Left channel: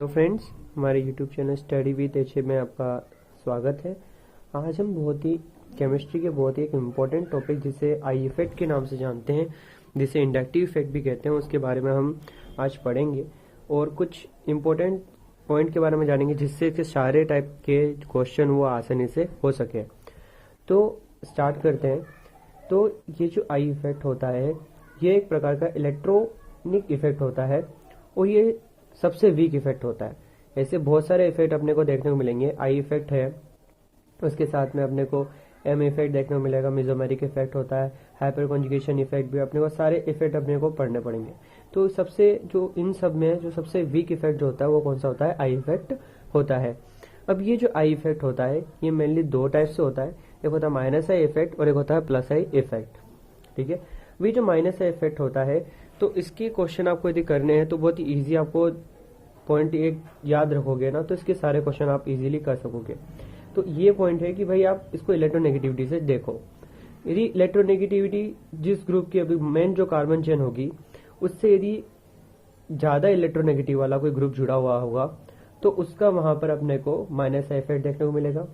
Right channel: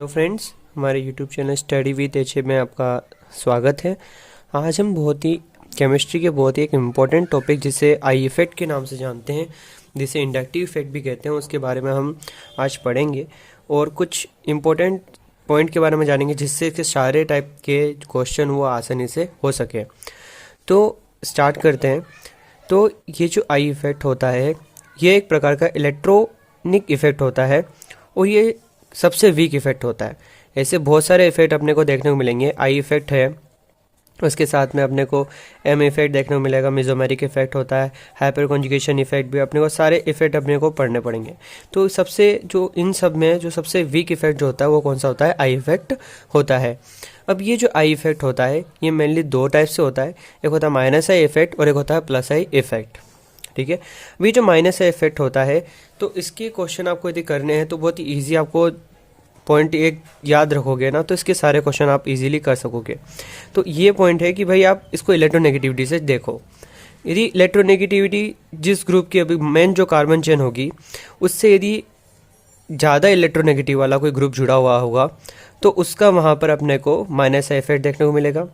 तो फ्रेंड्स, हमारे YouTube channel study with H में आपका स्वागत है। आज हम केमिस्ट्री के बहुत ही एक इम्पॉर्टेंट टॉपिक जिसे आई इफ़ेक्ट के नाम से जानते हैं, जिसे इंडक्टिव इफेक्ट भी कहते हैं, उसके बारे में हम आज पढ़ेंगे और कुछ इम्पोर्टेंट पॉइंट के बारे में जानेंगे जिससे कि सारे टाइप के क्वेश्चन वो आसानी से हो सके। तो स्टार्ट करते हैं। तो ये जो आई इफ़ेक्ट होता है, ये एक प्रकार का इलेक्ट्रॉनिक इफ़ेक्ट होता है और ये सबसे वीक इफ़ेक्ट होता है। ऐसे बहुत सारे इफ़ेक्ट अपने को देखने को मिलेंगे। आई इफ़ेक्ट है, उसके साथ में अपने को एम इफ़ेक्ट देखने को मिलेगा, मेसोमेरिक इफ़ेक्ट होता है, हाइपर कॉन्जुगेशन इफ़ेक्ट भी, अपने को सारे इफ़ेक्ट अपने को पढ़ने पड़ेंगे। तो सबसे जो इन सब में जो सबसे वीक इफ़ेक्ट जो होता है वो कौन सा होता है? आई इफ़ेक्ट होता है। अब ये जो आई इफ़ेक्ट होता है ये मेनली दो टाइप से होता है, एक होता है माइनस आई इफ़ेक्ट और एक होता है प्लस आई इफ़ेक्ट। ठीक है, अभी जो माइनस आई इफ़ेक्ट होता है तो इसके क्वेश्चन आपको यदि करने हैं तो बहुत ही ईजी, आपको पॉइंट एक याद रखोगे ना तो इसके सारे क्वेश्चन आप इजीली कर सकोगे। तो ये पॉइंट है कि भाई आप इसको इलेक्ट्रोनेगेटिविटी से देखो। यदि इलेक्ट्रोनेगेटिविटी जिस ग्रुप की अभी मेन जो कार्बन चेन होगी उससे यदि ज़्यादा इलेक्ट्रोनेगेटिव वाला कोई ग्रुप जुड़ा हुआ होगा तो उसका वहाँ पर अपने को माइनस इफेक्ट देखने को मिलेगा।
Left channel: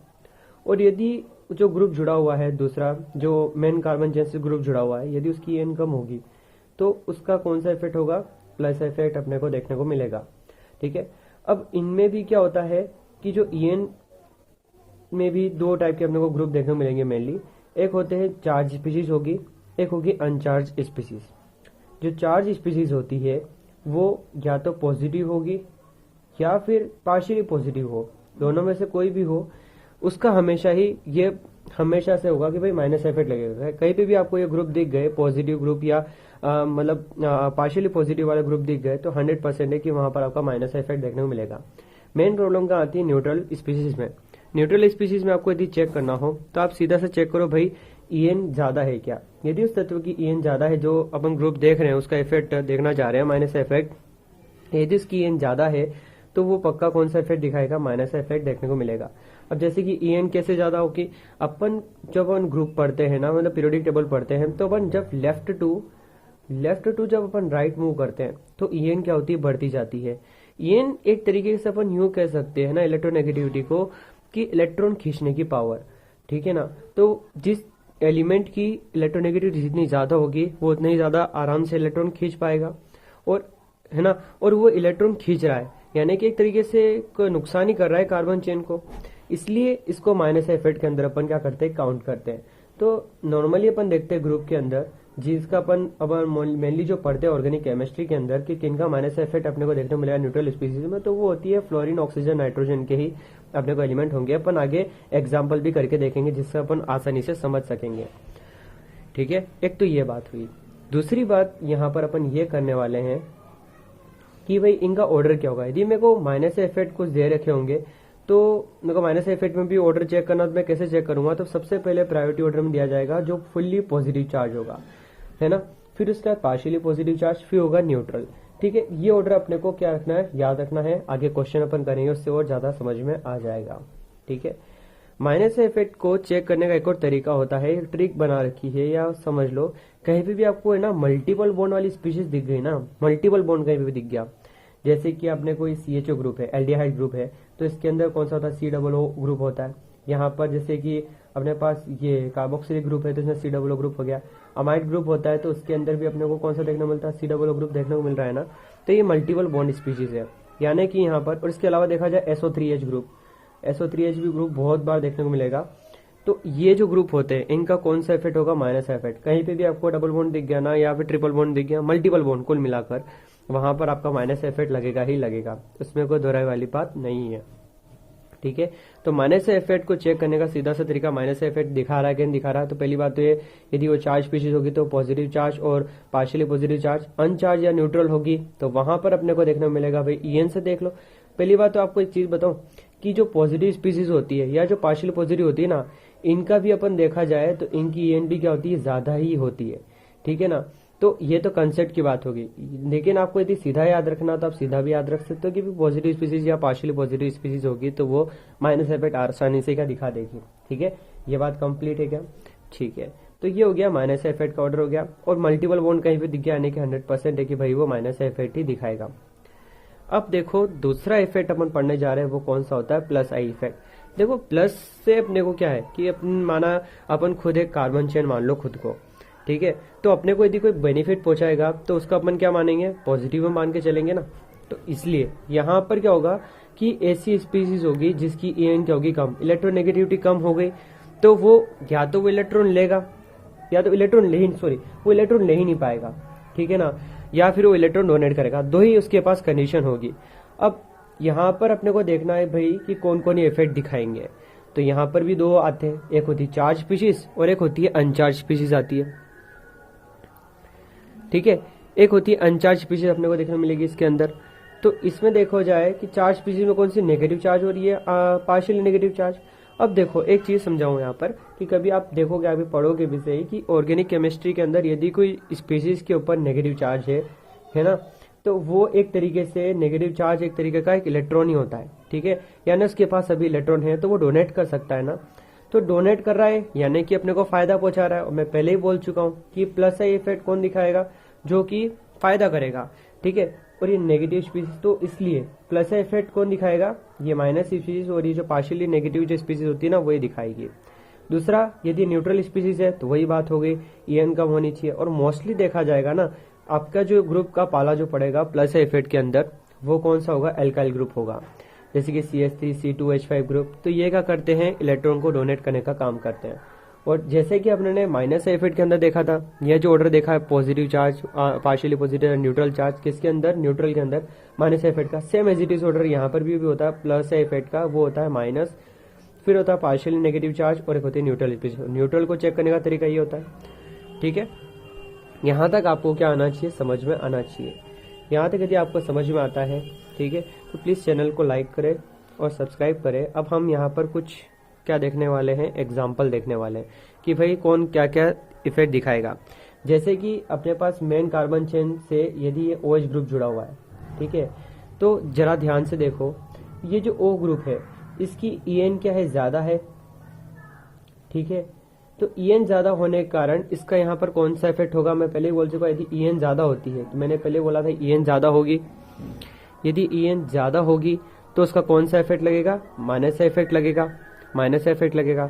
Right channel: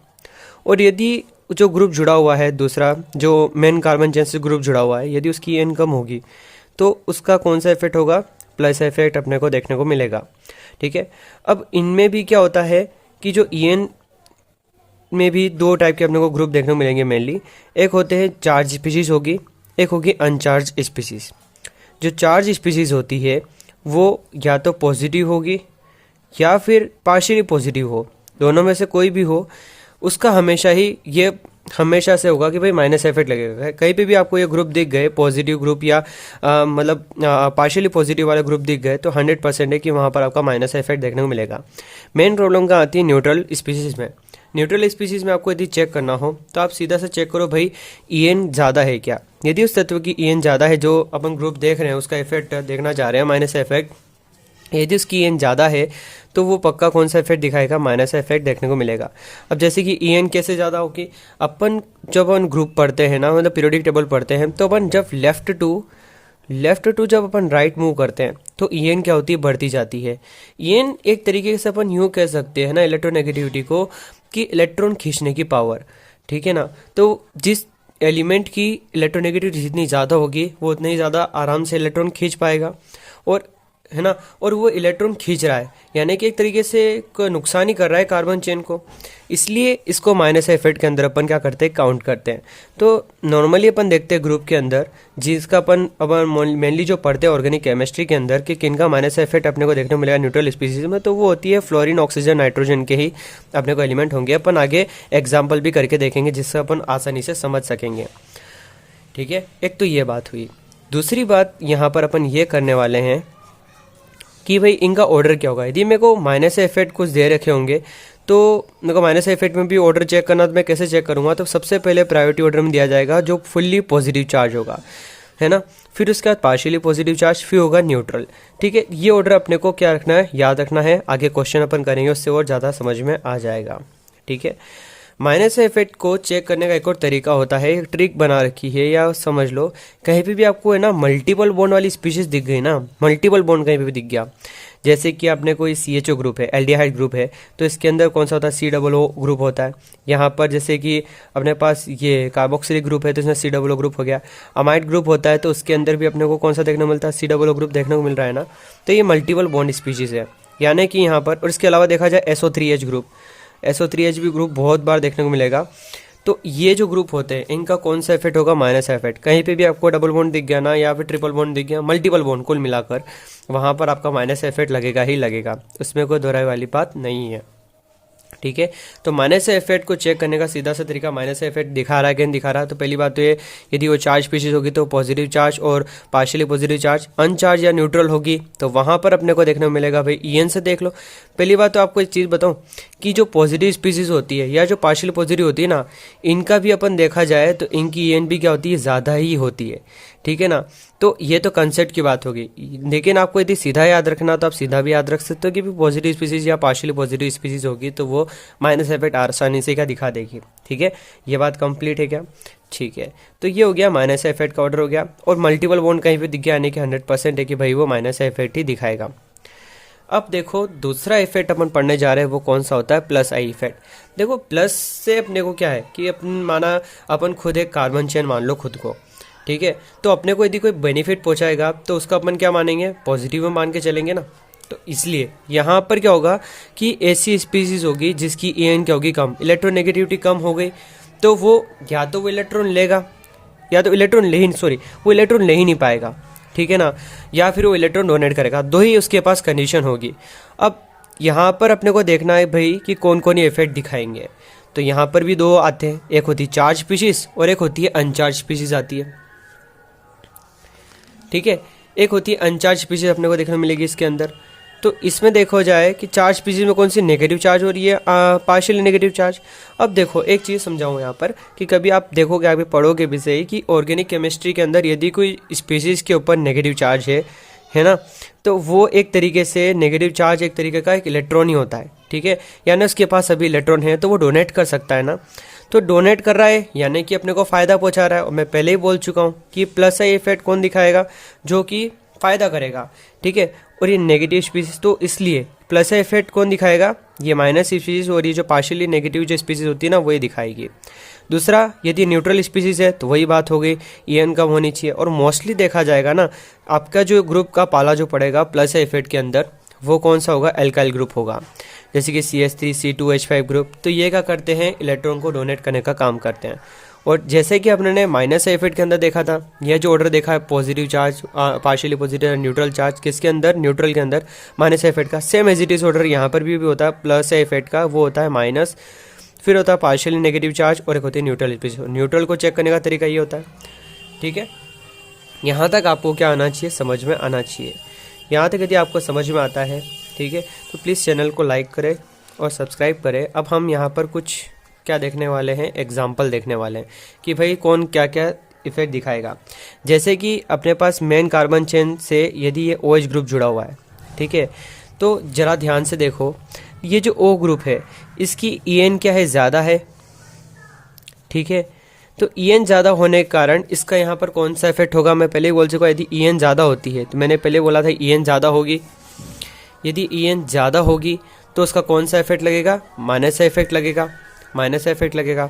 और यदि जो ग्रुप जुड़ा हुआ है दूसरा, जो मेन कार्बन चेन से ग्रुप जुड़ा हुआ है, यदि उसकी एन कम होगी तो उसका कौन सा इफेक्ट होगा? प्लस इफेक्ट अपने को देखने को मिलेगा। ठीक है, अब इनमें भी क्या होता है कि जो ईएन में भी दो टाइप के अपने को ग्रुप देखने को मिलेंगे मेनली। एक होते हैं चार्ज स्पीशीज होगी, एक होगी अनचार्ज स्पीशीज। जो चार्ज स्पीशीज होती है वो या तो पॉजिटिव होगी या फिर पार्शियली पॉजिटिव हो, दोनों में से कोई भी हो, उसका हमेशा ही ये हमेशा से होगा कि भाई माइनस इफेक्ट लगेगा। कहीं पे भी आपको ये ग्रुप दिख गए, पॉजिटिव ग्रुप या मतलब पार्शियली पॉजिटिव वाले ग्रुप दिख गए, तो 100% है कि वहाँ पर आपका माइनस इफेक्ट देखने को मिलेगा। मेन प्रॉब्लम कहाँ आती है? न्यूट्रल स्पीसीज में। न्यूट्रल स्पीसीज में आपको यदि चेक करना हो तो आप सीधा सा चेक करो भाई ईएन ज़्यादा है क्या। यदि उस तत्व की ईएन ज़्यादा है, जो अपन ग्रुप देख रहे हैं उसका इफेक्ट देखना चाह रहे हैं माइनस इफेक्ट, यदि उसकी ईएन ज़्यादा है तो वो पक्का कौन सा इफेक्ट दिखाएगा? माइनस इफेक्ट देखने को मिलेगा। अब जैसे कि ईएन कैसे ज़्यादा होगी, अपन जब अपन ग्रुप पढ़ते हैं ना, मतलब पीरियोडिक टेबल पढ़ते हैं, तो अपन जब लेफ्ट टू जब अपन राइट मूव करते हैं तो ईएन क्या होती है? बढ़ती जाती है। ईएन एक तरीके से अपन यूँ कह सकते हैं ना इलेक्ट्रोनेगेटिविटी को, कि इलेक्ट्रॉन खींचने की पावर। ठीक है ना, तो जिस एलिमेंट की इलेक्ट्रोनेगेटिविटी जितनी ज़्यादा होगी वो उतना ही ज़्यादा आराम से इलेक्ट्रॉन खींच पाएगा, और है ना, और वो इलेक्ट्रॉन खींच रहा है, यानी कि एक तरीके से नुकसान ही कर रहा है कार्बन चेन को। इसलिए इसको माइनस इफेक्ट के अंदर अपन क्या करते हैं? काउंट करते हैं। तो नॉर्मली अपन देखते हैं ग्रुप के अंदर, जिसका अपन मेनली जो पढ़ते हैं ऑर्गेनिक केमिस्ट्री के अंदर, कि किन का माइनस इफेक्ट अपने को देखने को मिलेगा न्यूट्रल स्पीसीज में, तो वो होती है फ्लोरीन, ऑक्सीजन, नाइट्रोजन के ही अपने को एलिमेंट होंगे। अपन आगे एग्जाम्पल भी करके देखेंगे जिससे अपन आसानी से समझ सकेंगे। ठीक है, एक तो ये बात हुई। दूसरी बात यहाँ पर अपन ये करने वाले हैं कि भाई इनका ऑर्डर क्या होगा। यदि मेरे को माइनस इफेक्ट कुछ दे रखे होंगे तो मेरे को माइनस इफेक्ट में भी ऑर्डर चेक करना, तो मैं कैसे चेक करूँगा? तो सबसे पहले प्रायोरिटी ऑर्डर में दिया जाएगा जो फुल्ली पॉजिटिव चार्ज होगा, है ना, फिर उसके बाद पार्शियली पॉजिटिव चार्ज, फिर होगा न्यूट्रल। ठीक है, ये ऑर्डर अपने को क्या रखना है? याद रखना है। आगे क्वेश्चन अपन करेंगे उससे और ज़्यादा समझ में आ जाएगा। ठीक है, माइनस इफेक्ट को चेक करने का एक और तरीका होता है, एक ट्रिक बना रखी है, या समझ लो कहीं पे भी आपको है ना मल्टीपल बॉन्ड वाली स्पीशीज दिख गई ना, मल्टीपल बॉन्ड कहीं पे भी दिख गया, जैसे कि आपने कोई CHO ग्रुप है, एल्डिहाइड ग्रुप है, तो इसके अंदर कौन सा होता है? COO ग्रुप होता है। यहाँ पर जैसे कि अपने पास ये कार्बोक्सिलिक ग्रुप है तो इसमें COO ग्रुप हो गया। अमाइड ग्रुप होता है तो उसके अंदर भी अपने को कौन सा देखने को मिलता है? COO ग्रुप देखने को मिल रहा है ना। तो ये मल्टीपल बॉन्ड स्पीशीज है, यानी कि यहाँ पर। और इसके अलावा देखा जाए SO3H ग्रुप, SO3H भी ग्रुप बहुत बार देखने को मिलेगा। तो ये जो ग्रुप होते हैं इनका कौन सा इफेक्ट होगा? Minus effect. कहीं पे भी आपको डबल बॉन्ड दिख गया ना, या फिर ट्रिपल बॉन्ड दिख गया, मल्टीपल बॉन्ड कुल मिलाकर, वहाँ पर आपका माइनस इफेक्ट लगेगा ही लगेगा, उसमें कोई दोहराई वाली बात नहीं है। ठीक है, तो माइनस इफेक्ट को चेक करने का सीधा सा तरीका, माइनस इफेक्ट दिखा रहा है कि नहीं दिखा रहा है। तो पहली बात तो ये, यदि वो चार्ज स्पीशीज होगी तो पॉजिटिव चार्ज और पार्शियली पॉजिटिव चार्ज, अनचार्ज या न्यूट्रल होगी तो वहाँ पर अपने को देखने को मिलेगा भाई ईएन से देख लो। पहली बात तो आपको एक चीज़ बताऊँ कि जो पॉजिटिव स्पीशीज होती है या जो पार्शियली पॉजिटिव होती है ना, इनका भी अपन देखा जाए तो इनकी ईएन भी क्या होती है? ज़्यादा ही होती है। ठीक है ना, तो ये तो कंसेप्ट की बात होगी, लेकिन आपको यदि सीधा याद रखना तो आप सीधा भी याद रख सकते हो कि पॉजिटिव स्पीसीज या पार्शियली पॉजिटिव स्पीसीज होगी तो वो माइनस इफेक्ट आसानी से क्या दिखा देगी। ठीक है, ये बात कंप्लीट है क्या? ठीक है, तो ये हो गया माइनस इफेक्ट का ऑर्डर हो गया। और मल्टीपल बॉन्ड कहीं पे दिख गया, यानी कि 100% है कि भाई वो माइनस इफेक्ट ही दिखाएगा। अब देखो दूसरा इफेक्ट अपन पढ़ने जा रहे हैं वो कौन सा होता है, प्लस आई इफेक्ट। देखो प्लस से अपने को क्या है कि अपन माना अपन खुद एक कार्बन चेन मान लो खुद को, ठीक है, तो अपने को यदि कोई बेनिफिट पहुंचाएगा तो उसका अपन क्या मानेंगे, पॉजिटिव में मान के चलेंगे ना। तो इसलिए यहाँ पर क्या होगा कि ऐसी स्पीसीज होगी जिसकी EN क्या होगी, कम, इलेक्ट्रोनेगेटिविटी कम हो गई, तो वो या तो वो इलेक्ट्रॉन लेगा या तो इलेक्ट्रॉन ले ही वो इलेक्ट्रॉन ले ही नहीं पाएगा, ठीक है ना, या फिर वो इलेक्ट्रॉन डोनेट करेगा, दो ही उसके पास कंडीशन होगी। अब यहाँ पर अपने को देखना है भाई कि कौन कौन ये इफेक्ट दिखाएंगे। तो यहाँ पर भी दो आते हैं, एक होती है चार्ज स्पीशीज और एक होती है अनचार्ज स्पीशीज आती है, ठीक है। एक होती है अनचार्ज स्पीशीज अपने को देखने मिलेगी इसके अंदर। तो इसमें देखो जाए कि चार्ज स्पीशीज में कौन सी नेगेटिव चार्ज हो रही है, पार्शियली नेगेटिव चार्ज। अब देखो एक चीज़ समझाऊँ यहाँ पर कि कभी आप देखोगे, आप पढ़ोगे भी सही कि ऑर्गेनिक केमिस्ट्री के अंदर यदि कोई स्पीशीज के ऊपर नेगेटिव चार्ज है ना, तो वो एक तरीके से नेगेटिव चार्ज एक तरीके का एक इलेक्ट्रॉन ही होता है, ठीक है, यानी उसके पास सभी इलेक्ट्रॉन है तो वो डोनेट कर सकता है ना। तो डोनेट कर रहा है यानी कि अपने को फ़ायदा पहुंचा रहा है। और मैं पहले ही बोल चुका हूँ कि प्लस आई इफेक्ट कौन दिखाएगा, जो कि फ़ायदा करेगा, ठीक है। और ये नेगेटिव स्पीसीज, तो इसलिए प्लस आई इफेक्ट कौन दिखाएगा, ये माइनस स्पीसीज, और ये जो पार्शियली नेगेटिव जो स्पीसीज होती है ना वही दिखाएगी। दूसरा, यदि न्यूट्रल स्पीसीज है तो वही बात हो गई, EN कम होनी चाहिए। और मोस्टली देखा जाएगा ना, आपका जो ग्रुप का पाला जो पड़ेगा प्लस आई इफेक्ट के अंदर वो कौन सा होगा, एल्काइल ग्रुप होगा, जैसे कि CH3 C2H5 ग्रुप। तो ये क्या करते हैं, इलेक्ट्रॉन को डोनेट करने का काम करते हैं। और जैसे कि अपने माइनस इफेक्ट के अंदर देखा था, यह जो ऑर्डर देखा है positive charge, partially positive, neutral charge, किसके अंदर, न्यूट्रल के अंदर, माइनस इफेक्ट का same as it is order यहाँ पर भी होता है। प्लस इफेक्ट का वो होता है माइनस, फिर होता है पार्शियली नेगेटिव चार्ज, और एक होती है न्यूट्रल स्पीसीज। न्यूट्रल को चेक करने का तरीका ये होता है, ठीक है। यहाँ तक आपको क्या आना चाहिए, समझ में आना चाहिए। यहाँ तक यदि आपको समझ में आता है, ठीक है, तो प्लीज़ चैनल को लाइक करें और सब्सक्राइब करें। अब हम यहाँ पर कुछ क्या देखने वाले हैं, एग्जाम्पल देखने वाले हैं कि भाई कौन क्या क्या इफेक्ट दिखाएगा। जैसे कि अपने पास मेन कार्बन चेन से यदि ये OH ग्रुप जुड़ा हुआ है, ठीक है, तो ज़रा ध्यान से देखो, ये जो O ग्रुप है इसकी EN क्या है, ज़्यादा है, ठीक है। तो EN ज़्यादा होने के कारण इसका यहाँ पर कौन सा इफेक्ट होगा, मैं पहले ही बोल चुका, यदि EN ज़्यादा होती है तो मैंने पहले बोला था EN ज़्यादा होगी, यदि EN ज़्यादा होगी तो उसका कौन सा इफेक्ट लगेगा, माइनस का इफेक्ट लगेगा, माइनस का इफेक्ट लगेगा।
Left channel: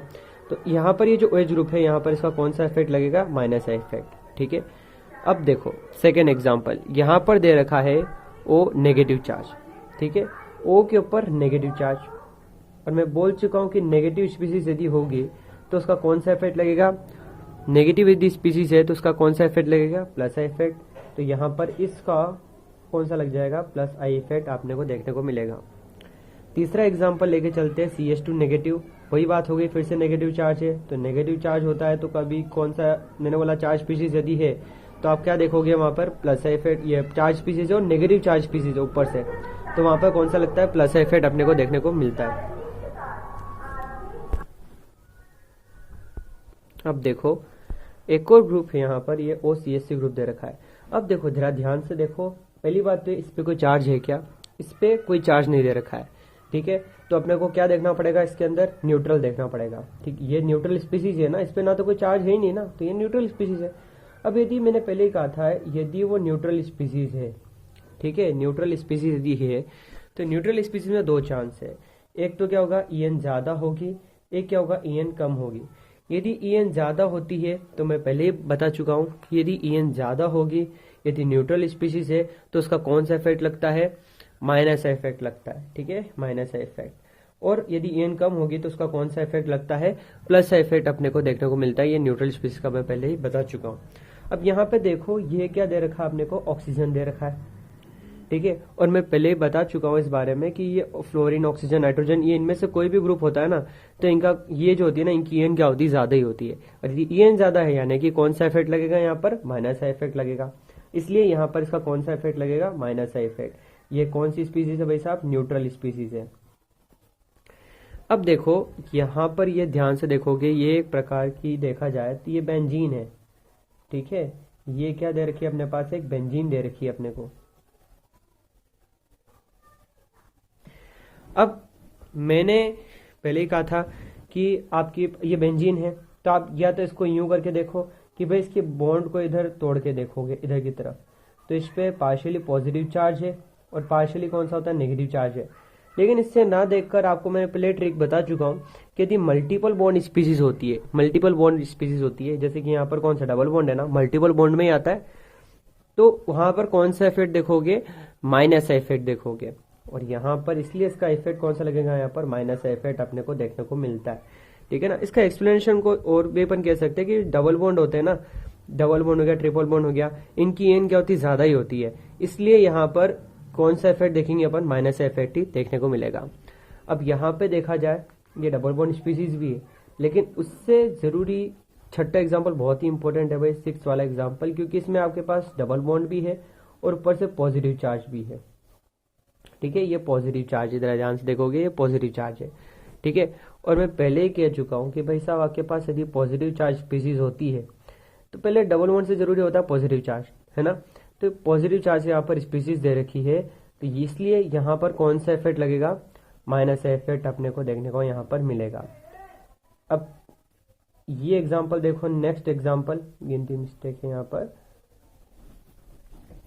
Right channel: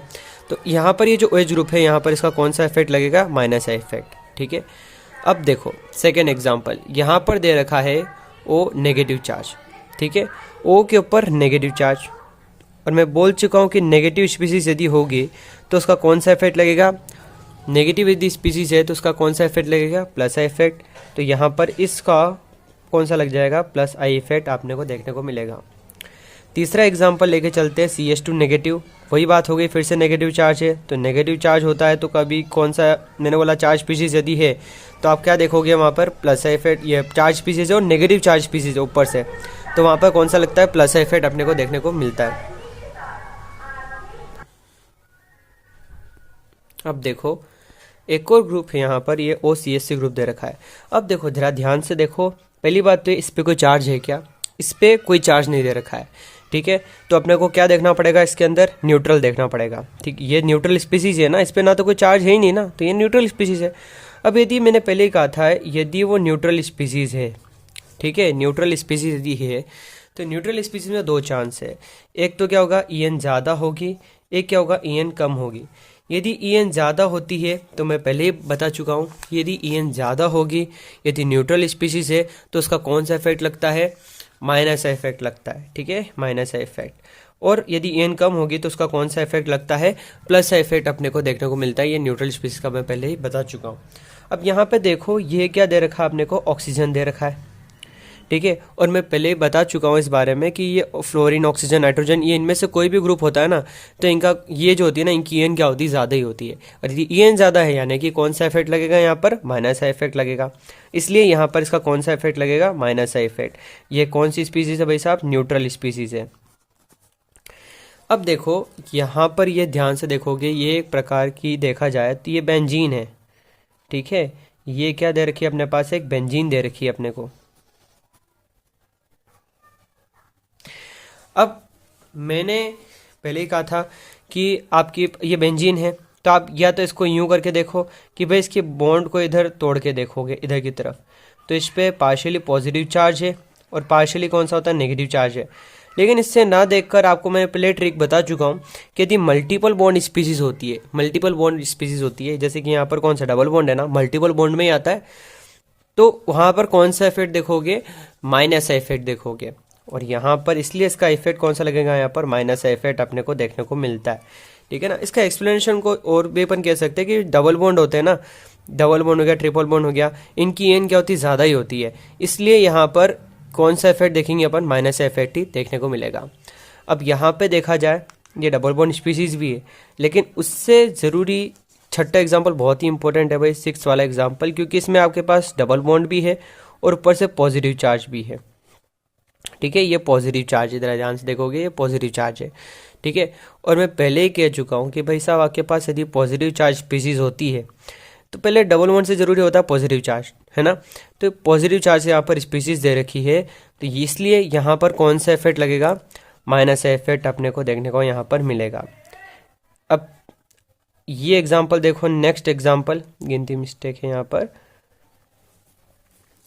तो यहाँ पर ये जो OH ग्रुप है यहाँ पर इसका कौन सा इफेक्ट लगेगा, माइनस का इफेक्ट, ठीक है। अब देखो सेकेंड एग्जाम्पल, यहाँ पर दे रखा है O नेगेटिव चार्ज, ठीक है, O के ऊपर नेगेटिव चार्ज। और मैं बोल चुका हूँ कि नेगेटिव स्पीसीज यदि होगी तो उसका कौन सा इफेक्ट लगेगा, नेगेटिव यदि स्पीसीज है तो उसका कौन सा इफेक्ट लगेगा, प्लस आई इफेक्ट। तो यहाँ पर इसका कौन सा लग जाएगा, प्लस आई इफेक्ट आपने को देखने को मिलेगा। तीसरा एग्जांपल लेके चलते हैं, CH2 नेगेटिव, वही बात हो गई, फिर से नेगेटिव चार्ज है। तो नेगेटिव चार्ज होता है तो कभी कौन सा, मैंने बोला चार्ज स्पीसीज यदि है तो आप क्या देखोगे वहाँ पर, प्लस आई इफेक्ट, ये चार्ज स्पीसीज है और नेगेटिव चार्ज स्पीसीज है ऊपर से, तो वहाँ पर कौन सा लगता है, प्लस आई इफेक्ट अपने को देखने को मिलता है। अब देखो एक और ग्रुप है यहाँ पर, ये OCH3 ग्रुप दे रखा है। अब देखो जरा ध्यान से देखो, पहली बात तो इस पे कोई चार्ज है क्या, इस पे कोई चार्ज नहीं दे रखा है, ठीक है। तो अपने को क्या देखना पड़ेगा, इसके अंदर न्यूट्रल देखना पड़ेगा, ठीक। ये न्यूट्रल स्पीसीज है ना, इस पे ना तो कोई चार्ज है ही नहीं ना, तो ये न्यूट्रल स्पीसीज है। अब यदि मैंने पहले ही कहा था यदि वो न्यूट्रल स्पीसीज है, ठीक है, न्यूट्रल स्पीसीज यदि है तो न्यूट्रल स्पीसीज में दो चांस है, एक तो क्या होगा EN ज़्यादा होगी, एक क्या होगा EN कम होगी। यदि EN ज़्यादा होती है तो मैं पहले ही बता चुका हूँ, यदि EN ज़्यादा होगी, यदि न्यूट्रल स्पीसीज है तो उसका कौन सा इफेक्ट लगता है, माइनस इफेक्ट लगता है, ठीक है, माइनस इफेक्ट। और यदि EN कम होगी तो उसका कौन सा इफेक्ट लगता है, प्लस इफेक्ट अपने को देखने को मिलता है। ये न्यूट्रल स्पीसीज का मैं पहले ही बता चुका हूँ। अब यहाँ पे देखो ये क्या दे रखा है अपने को, ऑक्सीजन दे रखा है, ठीक है। और मैं पहले ही बता चुका हूँ इस बारे में कि ये फ्लोरीन, ऑक्सीजन, नाइट्रोजन, ये इनमें से कोई भी ग्रुप होता है ना तो इनका ये जो होती है ना, इनकी EN क्या होती है, ज़्यादा ही होती है। और यदि EN ज़्यादा है यानी कि कौन सा इफेक्ट लगेगा यहाँ पर, माइनस इफेक्ट लगेगा। इसलिए यहाँ पर इसका कौन सा इफेक्ट लगेगा, माइनस इफेक्ट। ये कौन सी स्पीसीज है भाई साहब, न्यूट्रल स्पीसीज है। अब देखो यहाँ पर ये ध्यान से देखोगे, ये एक प्रकार की देखा जाए तो ये बेंजीन है, ठीक है। ये क्या दे रखी है अपने पास, एक बेंजीन दे रखी है अपने को। अब मैंने पहले ही कहा था कि आपकी ये बेंजीन है तो आप या तो इसको यूं करके देखो कि भाई इसके बॉन्ड को इधर तोड़ के देखोगे इधर की तरफ, तो इस पर पार्शियली पॉजिटिव चार्ज है और पार्शियली कौन सा होता है, नेगेटिव चार्ज है। लेकिन इससे ना देखकर आपको मैं पहले ट्रिक बता चुका हूँ कि यदि मल्टीपल बॉन्ड स्पीसीज होती है, मल्टीपल बॉन्ड स्पीसीज होती है, जैसे कि यहाँ पर कौन सा डबल बॉन्ड है ना, मल्टीपल बॉन्ड में ही आता है, तो वहाँ पर कौन सा इफेक्ट देखोगे, माइनस इफेक्ट देखोगे। और यहाँ पर इसलिए इसका इफेक्ट कौन सा लगेगा, यहाँ पर माइनस इफेक्ट अपने को देखने को मिलता है। ठीक है ना। इसका एक्सप्लेनेशन को और भी अपन कह सकते हैं कि डबल बॉन्ड होते हैं ना, डबल बॉन्ड हो गया, ट्रिपल बॉन्ड हो गया, इनकी एन क्या होती है, ज़्यादा ही होती है, इसलिए यहाँ पर कौन सा इफेक्ट देखेंगे अपन, माइनस इफेक्ट ही देखने को मिलेगा। अब यहाँ पे देखा जाए ये डबल बॉन्ड स्पीसीज भी है, लेकिन उससे ज़रूरी छठा एग्जाम्पल बहुत ही इंपॉर्टेंट है भाई, 6 वाला एग्जाम्पल, क्योंकि इसमें आपके पास डबल बॉन्ड भी है और ऊपर से पॉजिटिव चार्ज भी है। ठीक है, ये पॉजिटिव चार्ज, इधर ध्यान से देखोगे ये पॉजिटिव चार्ज है। ठीक है, और मैं पहले ही कह चुका हूँ कि भाई साहब आपके पास यदि पॉजिटिव चार्ज स्पीसीज होती है तो पहले डबल बॉन्ड से ज़रूरी होता है पॉजिटिव चार्ज, है ना। तो पॉजिटिव चार्ज यहाँ पर स्पीसीज दे रखी है, तो इसलिए यहाँ पर कौन सा इफेक्ट लगेगा, माइनस इफेक्ट अपने को देखने को यहाँ पर मिलेगा। अब ये एग्जाम्पल देखो, नेक्स्ट एग्जाम्पल, गिनती मिस्टेक है यहाँ पर,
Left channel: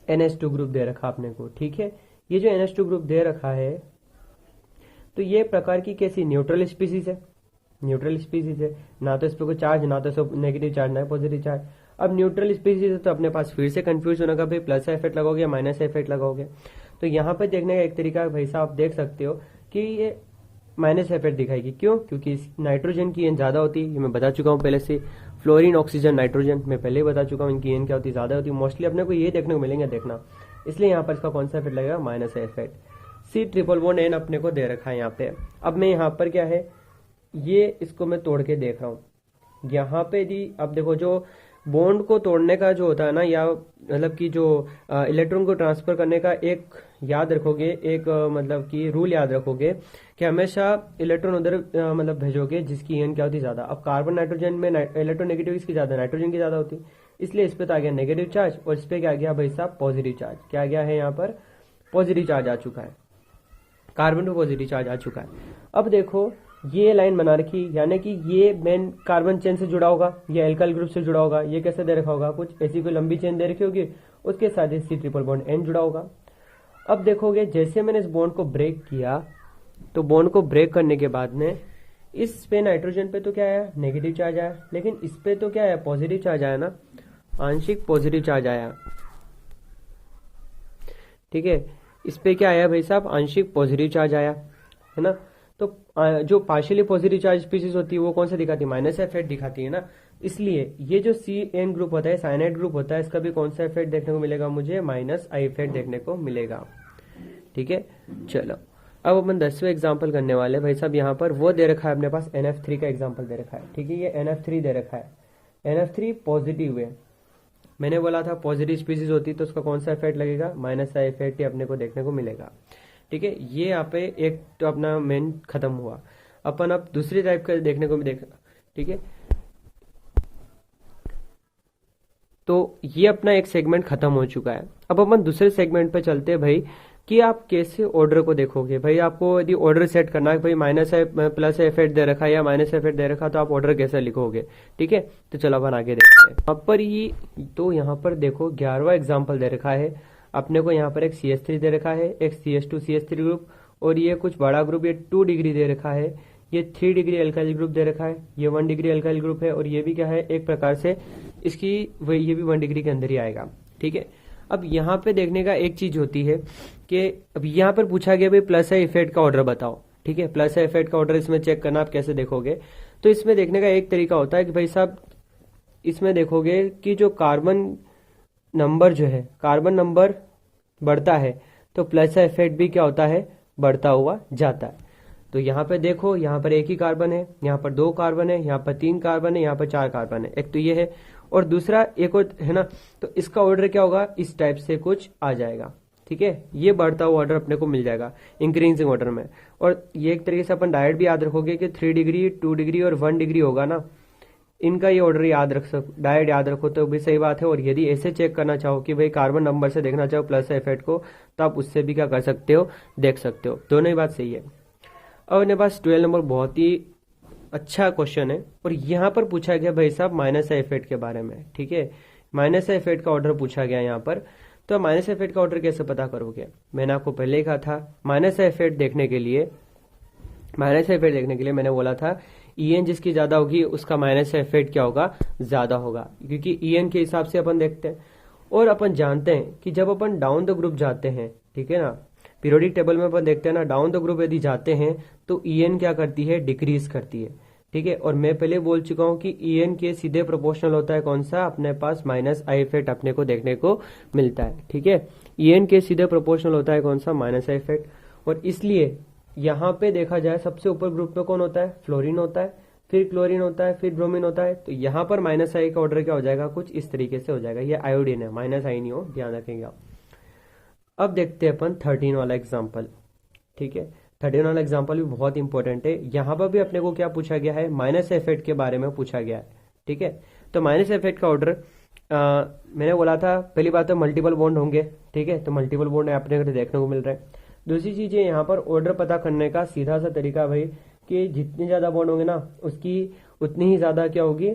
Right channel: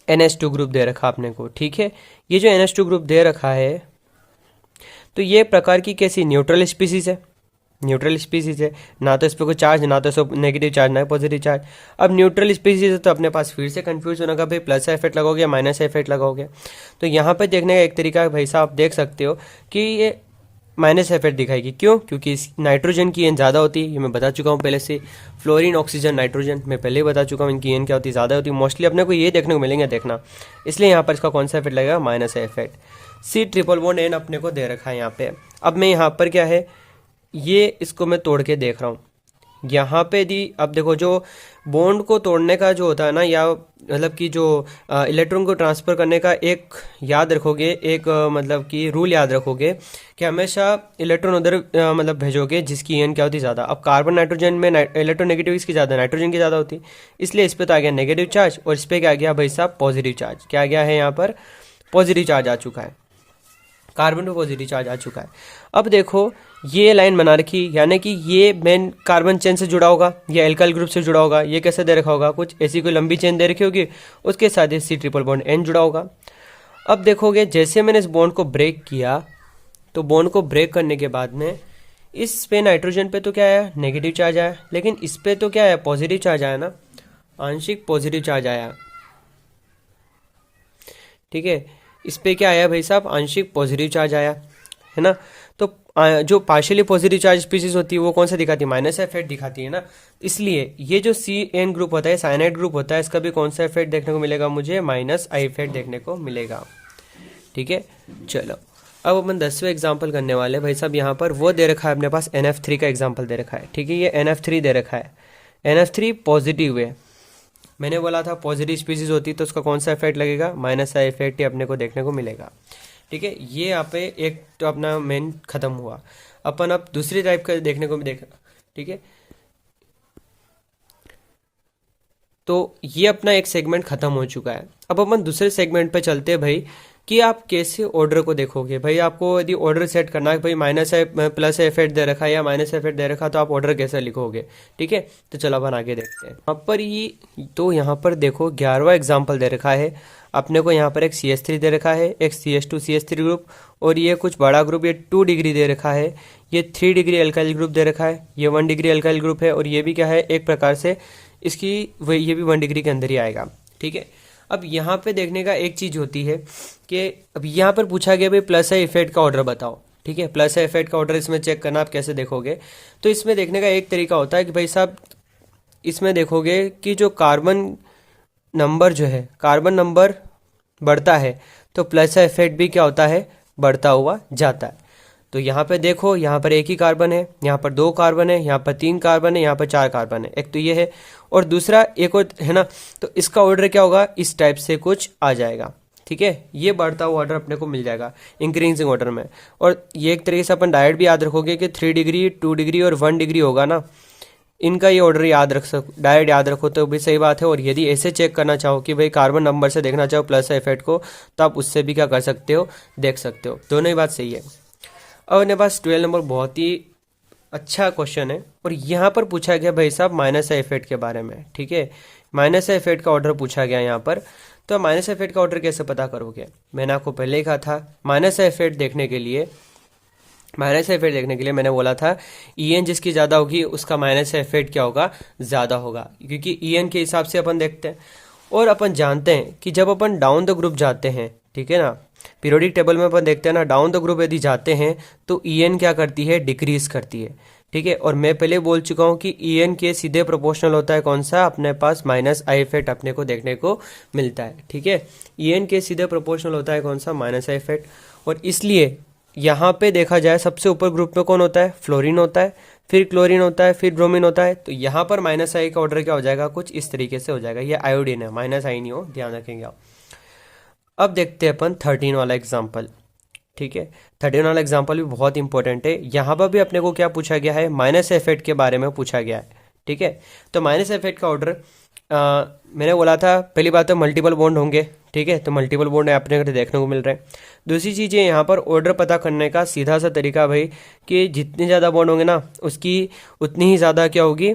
NH2 ग्रुप दे रखा आपने को। ठीक है, ये जो NH2 ग्रुप दे रखा है तो ये प्रकार की कैसी न्यूट्रल स्पीसीज है, न्यूट्रल स्पीसीज है, ना तो इस पर कोई चार्ज, ना तो सब नेगेटिव चार्ज, ना पॉजिटिव चार्ज। अब न्यूट्रल स्पीसीज है तो अपने पास फिर से कंफ्यूज होना का भाई प्लस इफेक्ट लगाओगे माइनस इफेक्ट लगाओगे। तो यहाँ पे देखने का एक तरीका है भाई साहब, आप देख सकते हो कि ये माइनस इफेक्ट दिखाएगी, क्यों, क्योंकि इस नाइट्रोजन की एन ज़्यादा होती है, ये मैं बता चुका हूँ पहले से। फ्लोरीन, ऑक्सीजन, नाइट्रोजन मैं पहले ही बता चुका हूँ, इनकी एन क्या होती है, ज़्यादा होती है। मोस्टली अपने को ये देखने को मिलेंगे, देखना, इसलिए यहाँ पर इसका कौन सा इफेक्ट लगेगा, minus effect. C triple bond N अपने को दे रखा है यहाँ पे। अब मैं यहाँ पर क्या है, ये इसको मैं तोड़ के देख रहा हूँ यहाँ पे। यदि अब देखो, जो बॉन्ड को तोड़ने का जो होता है ना, या मतलब कि जो इलेक्ट्रॉन को ट्रांसफ़र करने का एक याद रखोगे, एक मतलब कि रूल याद रखोगे कि हमेशा इलेक्ट्रॉन उधर मतलब भेजोगे जिसकी एन क्या होती है, ज़्यादा। अब कार्बन नाइट्रोजन में इलेक्ट्रोनेगेटिव इसकी ज़्यादा, नाइट्रोजन की ज़्यादा होती, इसलिए इस पर तो आ गया नेगेटिव चार्ज, और इस पर क्या आ गया भाई साहब, पॉजिटिव चार्ज। क्या आ गया है यहाँ पर, पॉजिटिव चार्ज आ चुका है, कार्बन पे पॉजिटिव चार्ज आ चुका है। अब देखो ये लाइन बना रखी, यानी कि ये मेन कार्बन चेन से जुड़ा होगा या एल्काइल ग्रुप से जुड़ा होगा। ये कैसे दे रखा होगा, कुछ ऐसी कोई लंबी चेन दे रखी होगी, उसके साथ ही C ट्रिपल बॉन्ड N जुड़ा होगा। अब देखोगे जैसे मैंने इस बॉन्ड को ब्रेक किया, तो बॉन्ड को ब्रेक करने के बाद में इस पे नाइट्रोजन पे तो क्या आया, नेगेटिव चार्ज आया, लेकिन इस पे तो क्या आया, पॉजिटिव चार्ज आया ना, आंशिक पॉजिटिव चार्ज आया। ठीक है, इस पे क्या आया भाई साहब, आंशिक पॉजिटिव चार्ज आया, है ना। तो जो पार्शियली पॉजिटिव चार्ज स्पीसीज होती है वो कौन सा दिखाती है, माइनस इफेक्ट दिखाती है ना। इसलिए ये जो CN ग्रुप होता है, साइनाइड ग्रुप होता है, इसका भी कौन सा इफेक्ट देखने को मिलेगा, मुझे माइनस I इफेक्ट देखने को मिलेगा। ठीक है, चलो अब अपन 10वें एग्जाम्पल करने वाले भाई साहब। यहाँ पर वो दे रखा है अपने पास, NF3 का एग्जाम्पल दे रखा है। ठीक है, ये NF3 दे रखा है, NF3 पॉजिटिव है। मैंने बोला था पॉजिटिव स्पीसीज होती तो उसका कौन सा इफेक्ट लगेगा, माइनस I इफेक्ट ही अपने को देखने को मिलेगा। ठीक है, ये यहाँ पे एक तो अपना मेन खत्म हुआ। अपन अब दूसरी टाइप का देखने को भी देखा। ठीक है, तो ये अपना एक सेगमेंट खत्म हो चुका है। अब अपन दूसरे सेगमेंट पे चलते हैं भाई, कि आप कैसे ऑर्डर को देखोगे। भाई आपको यदि ऑर्डर सेट करना है, भाई माइनस है प्लस इफेक्ट दे रखा है या माइनस इफेक्ट दे रखा है, तो आप ऑर्डर कैसे लिखोगे। ठीक है, तो चलो अपन आगे देखते हैं। यहाँ पर ये तो यहाँ पर देखो 11वां एग्जाम्पल दे रखा है अपने को। यहाँ पर एक CH3 दे रखा है, एक CH2 CH3 ग्रुप, और ये कुछ बड़ा ग्रुप, ये 2 डिग्री दे रखा है, ये 3 डिग्री अल्काइल ग्रुप दे रखा है, ये 1 डिग्री अल्काइल ग्रुप है, और ये भी क्या है, एक प्रकार से इसकी ये भी 1 डिग्री के अंदर ही आएगा। ठीक है, अब यहाँ पे देखने का एक चीज़ होती है कि अब यहाँ पर पूछा गया भाई प्लस I इफेक्ट का ऑर्डर बताओ। ठीक है, प्लस I इफेक्ट का ऑर्डर इसमें चेक करना आप कैसे देखोगे। तो इसमें देखने का एक तरीका होता है कि भाई साहब इसमें देखोगे कि जो कार्बन नंबर जो है, कार्बन नंबर बढ़ता है तो प्लस I इफेक्ट भी क्या होता है, बढ़ता हुआ जाता है। तो यहाँ पे देखो, यहाँ पर एक ही कार्बन है, यहाँ पर 2 कार्बन है, यहाँ पर 3 कार्बन है, यहाँ पर 4 कार्बन है, एक तो ये है और दूसरा एक और है ना। तो इसका ऑर्डर क्या होगा, इस टाइप से कुछ आ जाएगा। ठीक है, ये बढ़ता हुआ ऑर्डर अपने को मिल जाएगा इंक्रीजिंग ऑर्डर में। और ये एक तरीके से अपन डायरेक्ट भी याद रखोगे कि 3 डिग्री 2 डिग्री और 1 डिग्री होगा ना, इनका ये ऑर्डर याद रख डायरेक्ट याद रखो तो भी सही बात है। और यदि ऐसे चेक करना चाहो कि भाई कार्बन नंबर से देखना चाहो प्लस इफेक्ट को, तो आप उससे भी क्या कर सकते हो, देख सकते हो। दोनों ही बात सही है। अब अपने पास 12 नंबर बहुत ही अच्छा क्वेश्चन है, और यहाँ पर पूछा गया भाई साहब माइनस I इफेक्ट के बारे में। ठीक है, माइनस I इफेक्ट का ऑर्डर पूछा गया यहाँ पर। तो माइनस इफेक्ट का ऑर्डर कैसे पता करोगे? मैंने आपको पहले ही कहा था माइनस इफेक्ट देखने के लिए मैंने बोला था ईएन जिसकी ज़्यादा होगी उसका माइनस इफेक्ट क्या होगा? ज़्यादा होगा, क्योंकि ईएन के हिसाब से अपन देखते हैं। और अपन जानते हैं कि जब अपन डाउन द ग्रुप जाते हैं, ठीक है ना, पीरियोडिक टेबल में अपन देखते हैं ना, डाउन द ग्रुप यदि जाते हैं तो ईएन क्या करती है? डिक्रीज करती है, ठीक है। और मैं पहले बोल चुका हूँ कि ईएन के सीधे प्रोपोर्शनल होता है कौन सा? अपने पास माइनस आई इफेक्ट अपने को देखने को मिलता है, ठीक है। ईएन के सीधे प्रोपोर्शनल होता है कौन सा? Minus I effect. और इसलिए यहाँ पे देखा जाए सबसे ऊपर ग्रुप में कौन होता है? फ्लोरीन होता है, फिर क्लोरीन होता है, फिर ब्रोमीन होता है। तो यहाँ पर माइनस आई का ऑर्डर क्या हो जाएगा? कुछ इस तरीके से हो जाएगा। ये आयोडीन है, माइनस आई नहीं हो, ध्यान रखेंगे आप। अब देखते हैं अपन 13 वाला एग्जाम्पल, ठीक है। 13 वाला एग्जाम्पल भी बहुत इंपॉर्टेंट है। यहाँ पर भी अपने को क्या पूछा गया है? माइनस इफेक्ट के बारे में पूछा गया है, ठीक है। तो माइनस इफेक्ट का ऑर्डर मैंने बोला था, पहली बात तो मल्टीपल बॉन्ड होंगे, ठीक है। तो मल्टीपल बॉन्ड अपने को देखने को मिल रहे हैं। दूसरी चीज़ है यहाँ पर ऑर्डर पता करने का सीधा सा तरीका भाई, कि जितने ज़्यादा बॉन्ड होंगे ना उसकी उतनी ही ज़्यादा क्या होगी?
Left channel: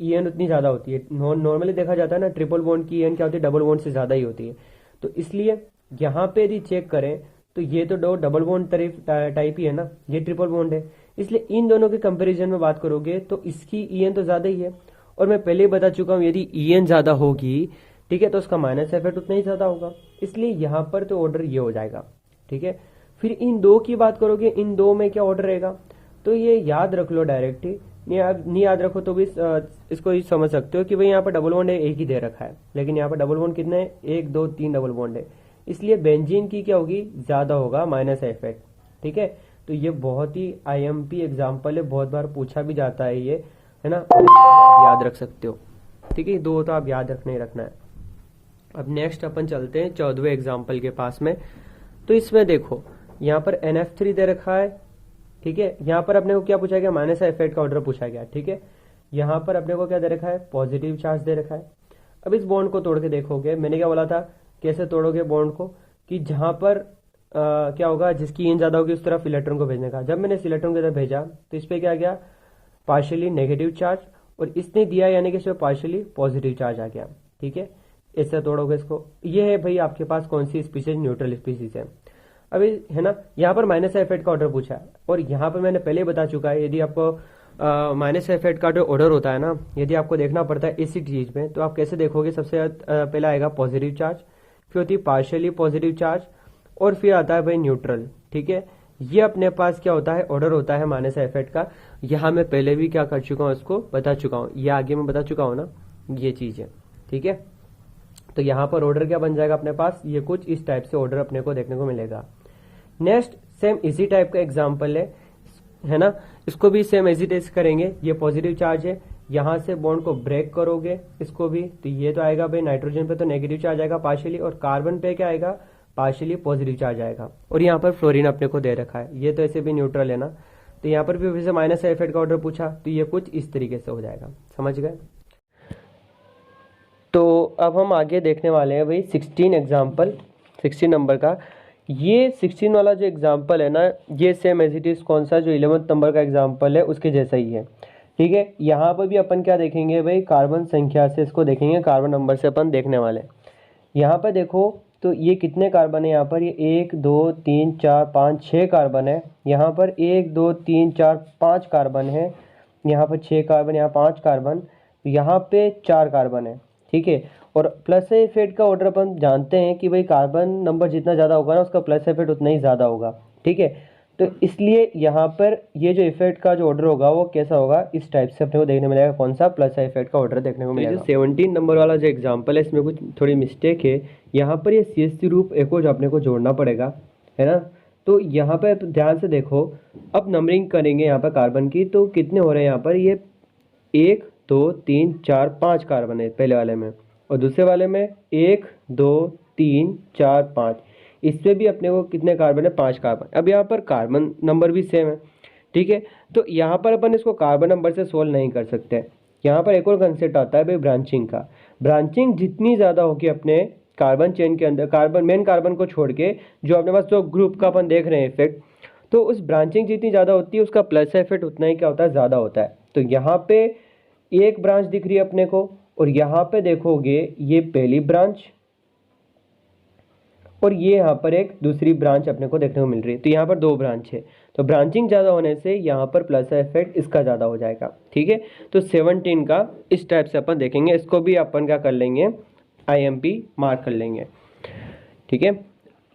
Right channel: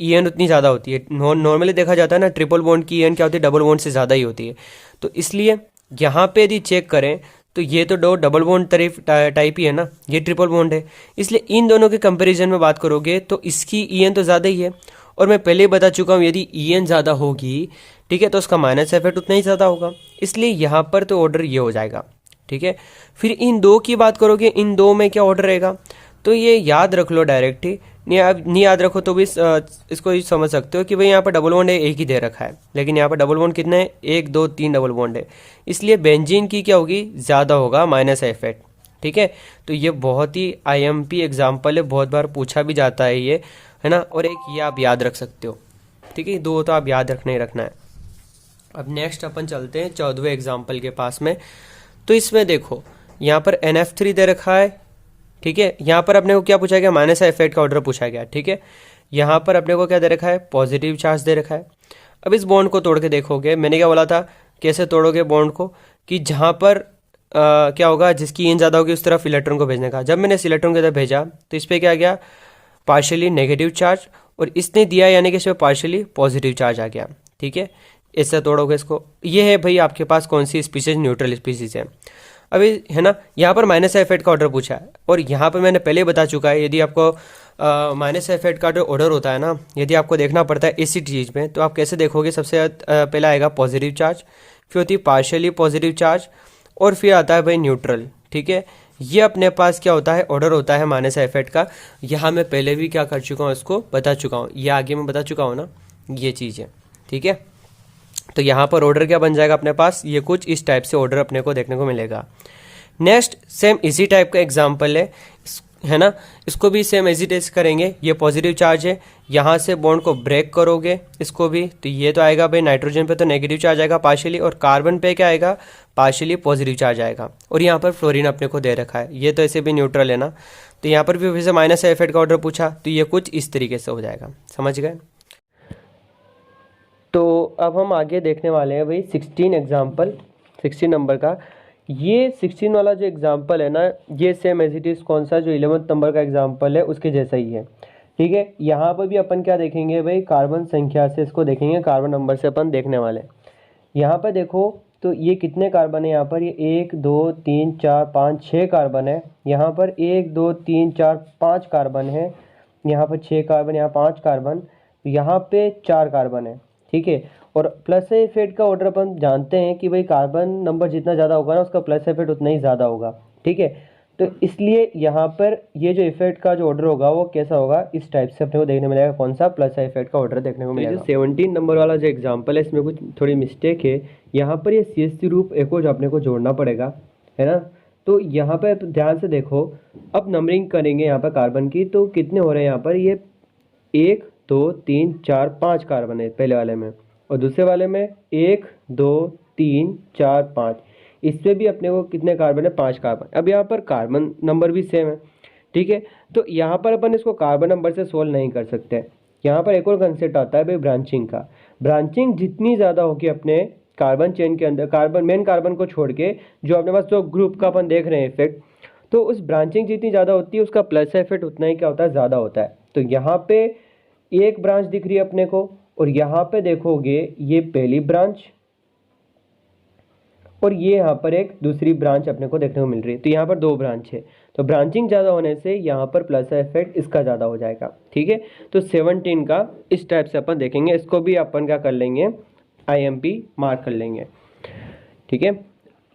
ईएन उतनी ज़्यादा होती है। नॉर्मली देखा जाता है ना, ट्रिपल बॉन्ड की ईएन क्या होती है? डबल बॉन्ड से ज़्यादा ही होती है। तो इसलिए यहाँ पे यदि चेक करें तो ये तो दो डबल बॉन्ड टाइप ही है ना, ये ट्रिपल बॉन्ड है। इसलिए इन दोनों के कंपैरिजन में बात करोगे तो इसकी ईएन तो ज़्यादा ही है। और मैं पहले ही बता चुका हूँ यदि ईएन ज़्यादा होगी, ठीक है, तो उसका माइनस इफेक्ट उतना ही ज़्यादा होगा। इसलिए यहाँ पर तो ऑर्डर ये हो जाएगा, ठीक है। फिर इन दो की बात करोगे, इन दो में क्या ऑर्डर रहेगा? तो ये याद रख लो डायरेक्ट ही, नहीं याद रखो तो भी इसको समझ सकते हो कि भाई यहाँ पर डबल बॉन्ड है, एक ही दे रखा है, लेकिन यहाँ पर डबल बॉन्ड कितने हैं? 1 2 3 डबल बॉन्ड है। इसलिए बेंजीन की क्या होगी? ज़्यादा होगा माइनस इफेक्ट, ठीक है। तो ये बहुत ही आईएमपी एग्जाम्पल है, बहुत बार पूछा भी जाता है ये, है ना। और एक ये आप याद रख सकते हो, ठीक है। दो तो आप याद रखना ही रखना है। अब नेक्स्ट अपन चलते हैं 14वें एग्जाम्पल के पास में। तो इसमें देखो यहाँ पर NF3 दे रखा है, ठीक है। यहाँ पर अपने को क्या पूछा गया? माइनस इफेक्ट का ऑर्डर पूछा गया, ठीक है। यहाँ पर अपने को क्या दे रखा है? पॉजिटिव चार्ज दे रखा है। अब इस बॉन्ड को तोड़ के देखोगे, मैंने क्या बोला था कैसे तोड़ोगे बॉन्ड को, कि जहाँ पर क्या होगा? जिसकी ईएन ज़्यादा होगी उस तरफ इलेक्ट्रॉन को भेजने का। जब मैंने इस इलेक्ट्रॉन की तरफ भेजा तो इस पर क्या गया? पार्शियली नेगेटिव चार्ज, और इसने दिया यानी कि इस पर पार्शियली पॉजिटिव चार्ज आ गया, ठीक है। इससे तोड़ोगे इसको। ये है भाई आपके पास कौन सी स्पीसीज? न्यूट्रल स्पीसीज है। अभी है ना, यहाँ पर माइनस इफेक्ट का ऑर्डर पूछा है, और यहाँ पर मैंने पहले बता चुका है यदि आपको माइनस इफेक्ट का जो ऑर्डर होता है ना, यदि आपको देखना पड़ता है इसी चीज़ में, तो आप कैसे देखोगे? सबसे पहला आएगा पॉजिटिव चार्ज, फिर होती है पार्शियली पॉजिटिव चार्ज, और फिर आता है भाई न्यूट्रल, ठीक है। ये अपने पास क्या होता है? ऑर्डर होता है माइनस इफेक्ट का। यहाँ मैं पहले भी क्या कर चुका हूँ? इसको बता चुका हूँ, ये आगे मैं बता चुका हूँ ना, ये चीज़ है, ठीक है। तो यहाँ पर ऑर्डर क्या बन जाएगा अपने पास? ये कुछ इस टाइप से ऑर्डर अपने को देखने को मिलेगा। नेक्स्ट सेम इसी टाइप का एग्जाम्पल है ना, इसको भी सेम इजी टेस्ट करेंगे। ये पॉजिटिव चार्ज है, यहाँ से बॉन्ड को ब्रेक करोगे इसको भी, तो ये तो आएगा भाई नाइट्रोजन पे तो नेगेटिव चार्ज आएगा पार्शियली, और कार्बन पे क्या आएगा? पार्शियली पॉजिटिव चार्ज आएगा। और यहाँ पर फ्लोरीन अपने को दे रखा है, ये तो ऐसे भी न्यूट्रल है ना, तो यहाँ पर भी फिर से माइनस इफेक्ट का ऑर्डर पूछा, तो ये कुछ इस तरीके से हो जाएगा। समझ गए? तो अब हम आगे देखने वाले हैं भाई 16 एग्जाम्पल, 16 नंबर का। ये 16 वाला जो एग्जाम्पल है ना, ये सेम एज इट इज़ कौन सा? जो 11th नंबर का एग्जाम्पल है उसके जैसा ही है, ठीक है। यहाँ पर भी अपन क्या देखेंगे भाई? कार्बन संख्या से इसको देखेंगे, कार्बन नंबर से अपन देखने वाले। यहाँ पर देखो तो ये कितने कार्बन है? यहाँ पर ये 1 2 3 4 5 6 कार्बन है। यहाँ पर 1 2 3 4 5 कार्बन है। यहाँ पर 6 कार्बन, यहाँ 5 कार्बन, यहाँ पे 4 कार्बन है, ठीक है। और प्लस इफेक्ट का ऑर्डर अपन जानते हैं कि भाई कार्बन नंबर जितना ज़्यादा होगा ना उसका प्लस इफेक्ट उतना ही ज़्यादा होगा, ठीक है। तो इसलिए यहाँ पर ये जो इफेक्ट का जो ऑर्डर होगा वो कैसा होगा? इस टाइप से अपने को देखने मिलेगा। कौन सा? प्लस इफेक्ट का ऑर्डर देखने को मिलेगा। 17 नंबर वाला जो एग्जाम्पल है इसमें कुछ थोड़ी मिस्टेक है। यहाँ पर ये CH3 ग्रुप एक और जो अपने को जोड़ना पड़ेगा, है ना। तो यहाँ पर ध्यान से देखो, अब नंबरिंग करेंगे यहाँ पर कार्बन की, तो कितने हो रहे हैं यहाँ पर? ये 1 2 3 4 5 कार्बन है पहले वाले में, और दूसरे वाले में 1 2 3 4 5। इस पे भी अपने को कितने कार्बन है? 5 कार्बन। अब यहाँ पर कार्बन नंबर भी सेम है, ठीक है। तो यहाँ पर अपन इसको कार्बन नंबर से सोल्व नहीं कर सकते। यहाँ पर एक और कंसेप्ट आता है भाई ब्रांचिंग का। ब्रांचिंग जितनी ज़्यादा होगी अपने कार्बन चेन के अंदर, कार्बन मेन कार्बन को छोड़ के जो अपने पास जो ग्रुप का अपन देख रहे हैं इफेक्ट, तो उस ब्रांचिंग जितनी ज़्यादा होती है उसका प्लस इफेक्ट उतना ही क्या होता है? ज़्यादा होता है। तो यहाँ पे एक ब्रांच दिख रही है अपने को, और यहाँ पे देखोगे ये पहली ब्रांच, और ये यहाँ पर एक दूसरी ब्रांच अपने को देखने को मिल रही है। तो यहाँ पर 2 ब्रांच है, तो ब्रांचिंग ज़्यादा होने से यहाँ पर प्लस इफेक्ट इसका ज़्यादा हो जाएगा। ठीक है, तो 17 का इस टाइप से अपन देखेंगे, इसको भी अपन क्या कर लेंगे, IMP मार्क कर लेंगे। ठीक है,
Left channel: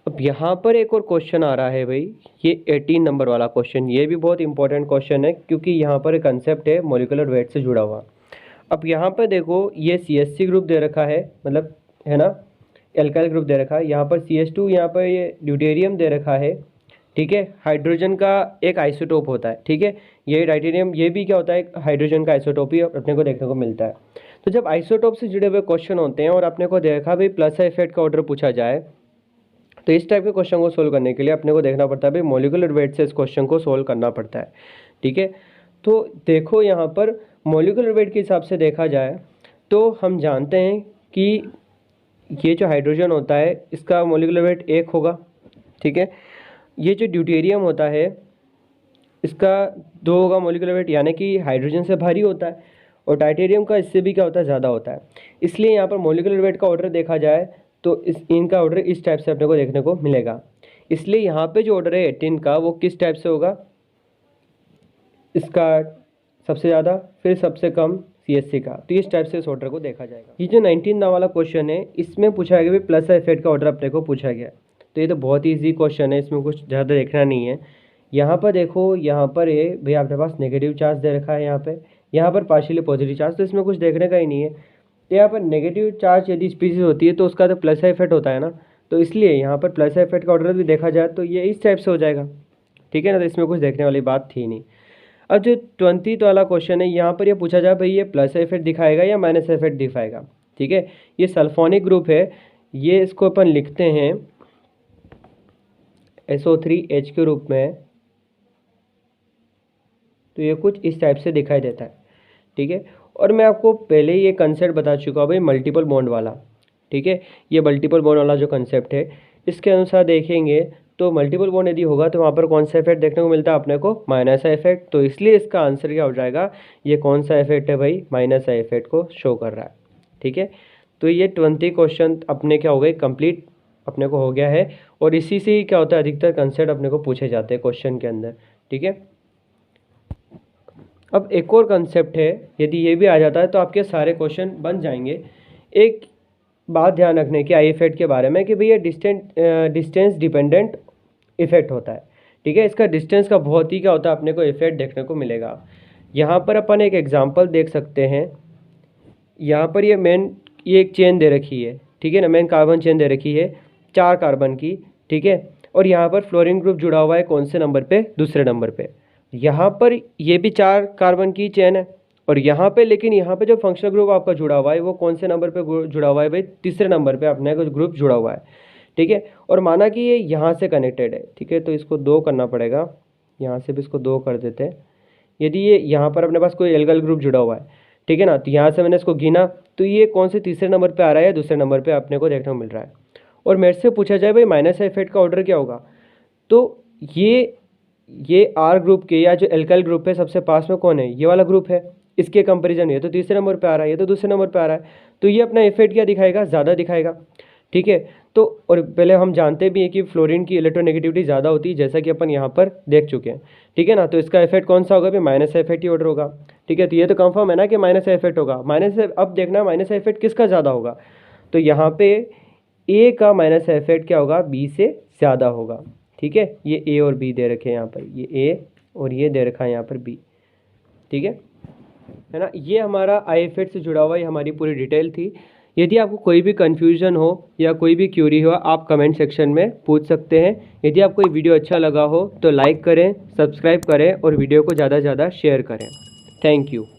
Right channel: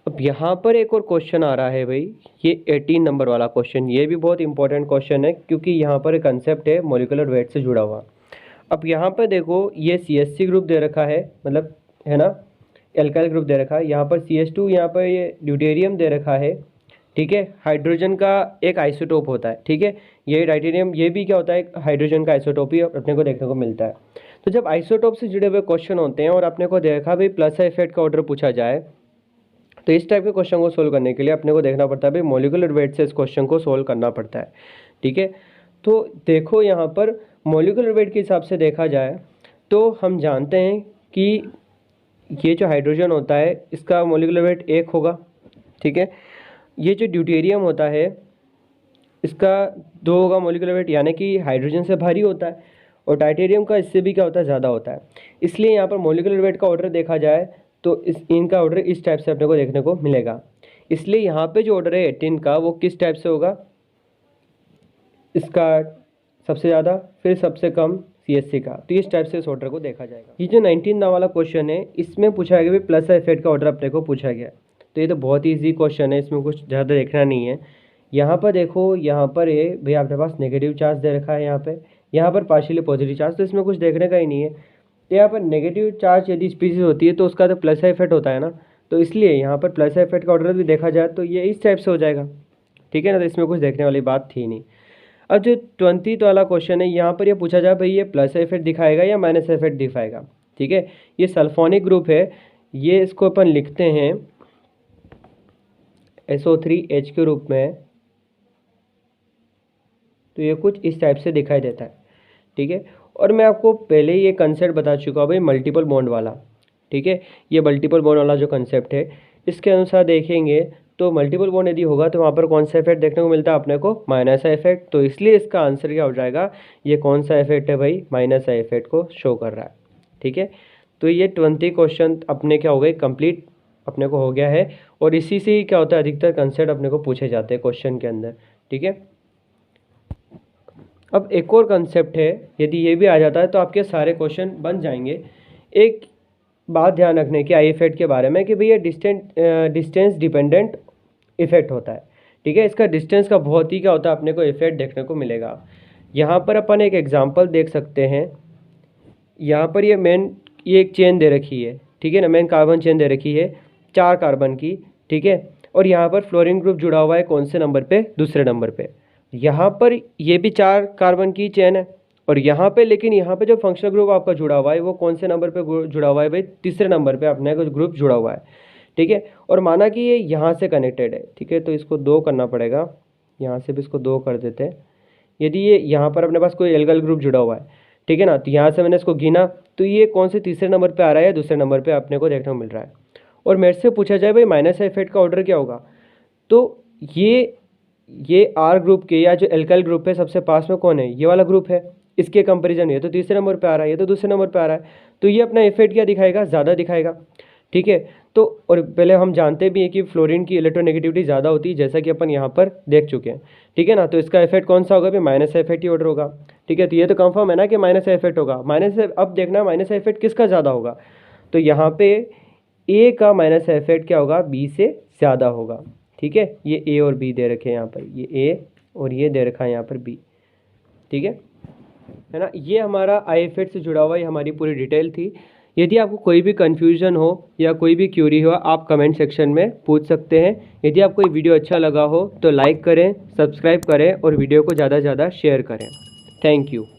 अब यहाँ पर एक और क्वेश्चन आ रहा है भाई, ये 18 नंबर वाला क्वेश्चन, ये भी बहुत इंपॉर्टेंट क्वेश्चन है क्योंकि यहाँ पर एक कंसेप्ट है मॉलिक्यूलर वेट से जुड़ा हुआ। अब यहाँ पर देखो, ये CH3 ग्रुप दे रखा है, मतलब है ना, एल्काइल ग्रुप दे रखा है, यहाँ पर CH2, यहाँ पर ये ड्यूटेरियम दे रखा है। ठीक है, हाइड्रोजन का एक आइसोटोप होता है। ठीक है, ये डाइटेरियम, ये भी क्या होता है, हाइड्रोजन का आइसोटोप ही अपने को देखने को मिलता है। तो जब आइसोटोप से जुड़े हुए क्वेश्चन होते हैं और अपने को देखा भाई प्लस इफेक्ट का ऑर्डर पूछा जाए, तो इस टाइप के क्वेश्चन को सोल्व करने के लिए अपने को देखना पड़ता है भाई मॉलिक्यूलर वेट से इस क्वेश्चन को सोल्व करना पड़ता है। ठीक है, तो देखो यहाँ पर मॉलिक्यूलर वेट के हिसाब से देखा जाए तो हम जानते हैं कि ये जो हाइड्रोजन होता है इसका मॉलिक्यूलर वेट 1 होगा। ठीक है, ये जो ड्यूटेरियम होता है इसका 2 होगा मॉलिक्यूलर वेट, यानी कि हाइड्रोजन से भारी होता है, और टाइटेरियम का इससे भी क्या होता है, ज़्यादा होता है। इसलिए यहाँ पर मॉलिक्यूलर वेट का ऑर्डर देखा जाए तो इनका ऑर्डर इस टाइप से अपने को देखने को मिलेगा। इसलिए यहाँ पे जो ऑर्डर है 18 का वो किस टाइप से होगा, इसका सबसे ज़्यादा फिर सबसे कम CH3 का, तो इस टाइप से इस ऑर्डर को देखा जाएगा। ये जो 19 वाला क्वेश्चन है इसमें पूछा गया भी प्लस इफेक्ट का ऑर्डर अपने को पूछा गया, तो ये तो बहुत ही ईजी क्वेश्चन है, इसमें कुछ ज़्यादा देखना नहीं है। यहाँ पर देखो, यहाँ पर ये भाई आपके पास नेगेटिव चार्ज दे रखा है, यहाँ पर पार्शियली पॉजिटिव चार्ज, तो इसमें कुछ देखने का ही नहीं है। तो यहाँ पर नेगेटिव चार्ज यदि स्पीसीज होती है तो उसका तो प्लस इफेक्ट होता है ना, तो इसलिए यहाँ पर प्लस इफेक्ट का ऑर्डर भी देखा जाए तो ये इस टाइप से हो जाएगा। ठीक है ना, तो इसमें कुछ देखने वाली बात थी नहीं। अब जो 20 वाला क्वेश्चन है, यहाँ पर ये पूछा जाए भाई ये प्लस इफेक्ट दिखाएगा या माइनस इफेक्ट दिखाएगा। ठीक है, ये सल्फोनिक ग्रुप है, ये इसको अपन लिखते हैं SO3H के रूप में, तो ये कुछ इस टाइप से दिखाई देता है। ठीक है, और मैं आपको पहले ही ये कंसेप्ट बता चुका हूँ भाई मल्टीपल बॉन्ड वाला। ठीक है, ये मल्टीपल बॉन्ड वाला जो कंसेप्ट है इसके अनुसार देखेंगे तो मल्टीपल बॉन्ड यदि होगा तो वहाँ पर कौन सा इफेक्ट देखने को मिलता है अपने को, माइनस इफेक्ट। तो इसलिए इसका आंसर क्या हो जाएगा, ये कौन सा इफेक्ट है भाई, माइनस इफेक्ट को शो कर रहा है। ठीक है, तो ये 20 क्वेश्चन अपने क्या हो गए, कंप्लीट अपने को हो गया है, और इसी से ही क्या होता है अधिकतर कंसेप्ट अपने को पूछे जाते हैं क्वेश्चन के अंदर। ठीक है, अब एक और कंसेप्ट है, यदि ये भी आ जाता है तो आपके सारे क्वेश्चन बन जाएंगे। एक बात ध्यान रखने की आई इफेक्ट के बारे में कि भैया डिस्टेंस डिपेंडेंट इफेक्ट होता है। ठीक है, इसका डिस्टेंस का बहुत ही क्या होता है अपने को इफेक्ट देखने को मिलेगा। यहाँ पर अपन एक एग्जांपल देख सकते हैं, यहाँ पर ये एक चेन दे रखी है। ठीक है ना, मेन कार्बन चेन दे रखी है 4 कार्बन की। ठीक है, और यहाँ पर फ्लोरीन ग्रुप जुड़ा हुआ है कौन से नंबर पे, दूसरे नंबर पे। यहाँ पर ये भी 4 कार्बन की चेन है, और यहाँ पे लेकिन यहाँ पे जो फंक्शनल ग्रुप आपका जुड़ा हुआ है वो कौन से नंबर पे जुड़ा हुआ है भाई, तीसरे नंबर पे अपने को ग्रुप जुड़ा हुआ है। ठीक है, और माना कि ये यहाँ से कनेक्टेड है। ठीक है, तो इसको 2 करना पड़ेगा, यहाँ से भी इसको 2 कर देते हैं। यदि ये यहाँ पर अपने पास कोई एल्काइल ग्रुप जुड़ा हुआ है, ठीक है ना, तो यहाँ से मैंने इसको गिना तो ये कौन से तीसरे नंबर पर आ रहा है या दूसरे नंबर पर अपने को देखने को मिल रहा है। और मेरे से पूछा जाए भाई माइनस इफेक्ट का ऑर्डर क्या होगा, तो ये आर ग्रुप के या जो एल्काइल ग्रुप है सबसे पास में कौन है, ये वाला ग्रुप है, इसके कंपैरिजन ये तो तीसरे नंबर पे आ रहा है, ये तो दूसरे नंबर पे आ रहा है, तो ये अपना इफेक्ट क्या दिखाएगा, ज़्यादा दिखाएगा। ठीक है, तो और पहले हम जानते भी हैं कि फ्लोरीन की इलेक्ट्रोनेगेटिविटी ज़्यादा होती है, जैसा कि अपन यहाँ पर देख चुके हैं। ठीक है ना, तो इसका इफेक्ट कौन सा होगा भाई, माइनस इफेक्ट ही ऑर्डर होगा। ठीक है, तो ये तो कंफर्म है ना कि माइनस इफेक्ट होगा। अब देखना माइनस इफेक्ट किसका ज़्यादा होगा, तो यहाँ पे ए का माइनस इफेक्ट क्या होगा, बी से ज़्यादा होगा। ठीक है, ये ए और बी दे रखे हैं यहाँ पर, ये ए और ये दे रखा है यहाँ पर बी। ठीक है ना, ये हमारा आई इफेक्ट से जुड़ा हुआ ये हमारी पूरी डिटेल थी। यदि आपको कोई भी कन्फ्यूजन हो या कोई भी क्यूरी हो आप कमेंट सेक्शन में पूछ सकते हैं। यदि आपको ये वीडियो अच्छा लगा हो तो लाइक करें, सब्सक्राइब करें और वीडियो को ज़्यादा से ज़्यादा शेयर करें। Thank you.